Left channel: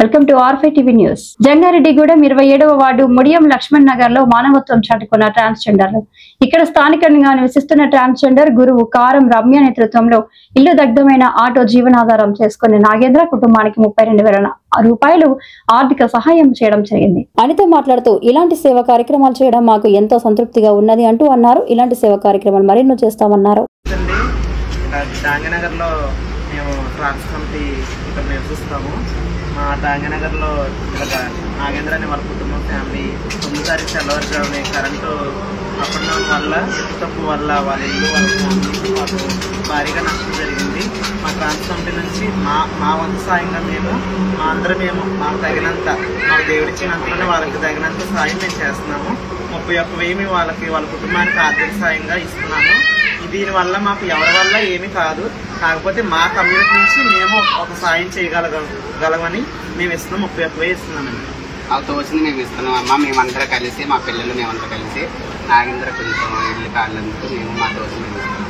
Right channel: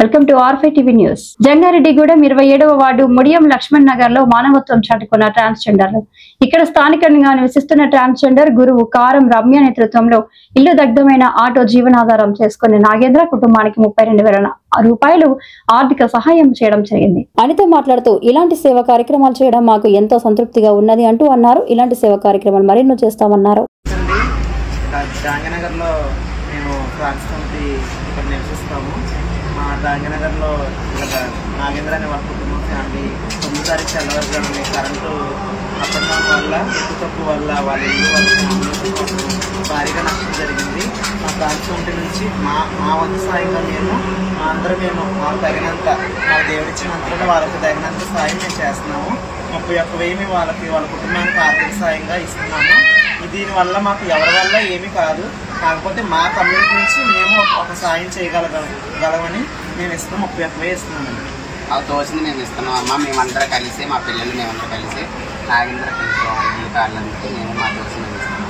Welcome to ఆర్ఫై TV news. Jangareddygudem 27వ ward Mudiyam Laxman Nagar లో మానవత్వం చాటుకున్న ట్రాన్స్జెండర్లు. ఇక్కడ స్థానికంగా నివసిస్తున్న ట్రాన్స్జెండర్ గురువు కారం రమ్య నేతృత్వంలో ఇల్లు దగ్ధమైన ఆటో జీవనాధారం చేసుకున్న నాగేంద్ర కుటుంబానికి 32,000 రూపాయలు ఆర్థిక సహాయం చేయడం జరిగింది. అనిత మాట్లాడుతూ ఇలాంటి సేవా కార్యక్రమాలు చేయడం మాకు ఎంతో సంతృప్తిగా ఉన్నది అంటూ అన్నారు. ఇలాంటి సేవా కార్యక్రమాలు మరెన్నో చేస్తామన్నారు. మేము ట్రాన్స్ కమిటీ ఇక్కడ నివసిస్తాము. మా డాంగనగర్లో ఇలాగ నాగేంద్ర అనే వాళ్ళ కుటుంబం ఫ్యామిలీ 9 తారీఖు తెల్లవారుజామున కరెంటు అప్పడం వల్ల తప్పు వల్ల వాళ్ళ ఇల్లు వాళ్ళ ఫ్యామిలీ మాకు భారీగా నష్టం జరిగింది. మా ట్రాన్స్ కమిటీ నుంచి మా వంతు సాయంగా మేము మాకు తగినంత మాకు దేవుడిచ్చినంతలో వాళ్ళకి తగినంత సాయం మేము చేస్తున్నాము. 31,000 వాళ్ళ కుటుంబానికి ఆర్థిక సాయంగా ఇస్తున్నాము. దీనివల్ల మాకు ఎవరి వల్ల ఏమీ కాదు, కాకపోతే మా కమ్యూనిటీ నుంచి మేము ఒక సాయం చేయగలగమని మేము ఇస్తున్నాం. 31,000 ఇస్తున్నామండి. ఆ తోచింది మేము ఇస్తున్నాం అమ్మ. మేమందరం కలిసి మా పిల్లలు మేమంతా కలిసి నాగేంద్ర కొంచెం ఇల్లు కాలేందుకు మేము మా తోచింది మేము ఇస్తున్నాం.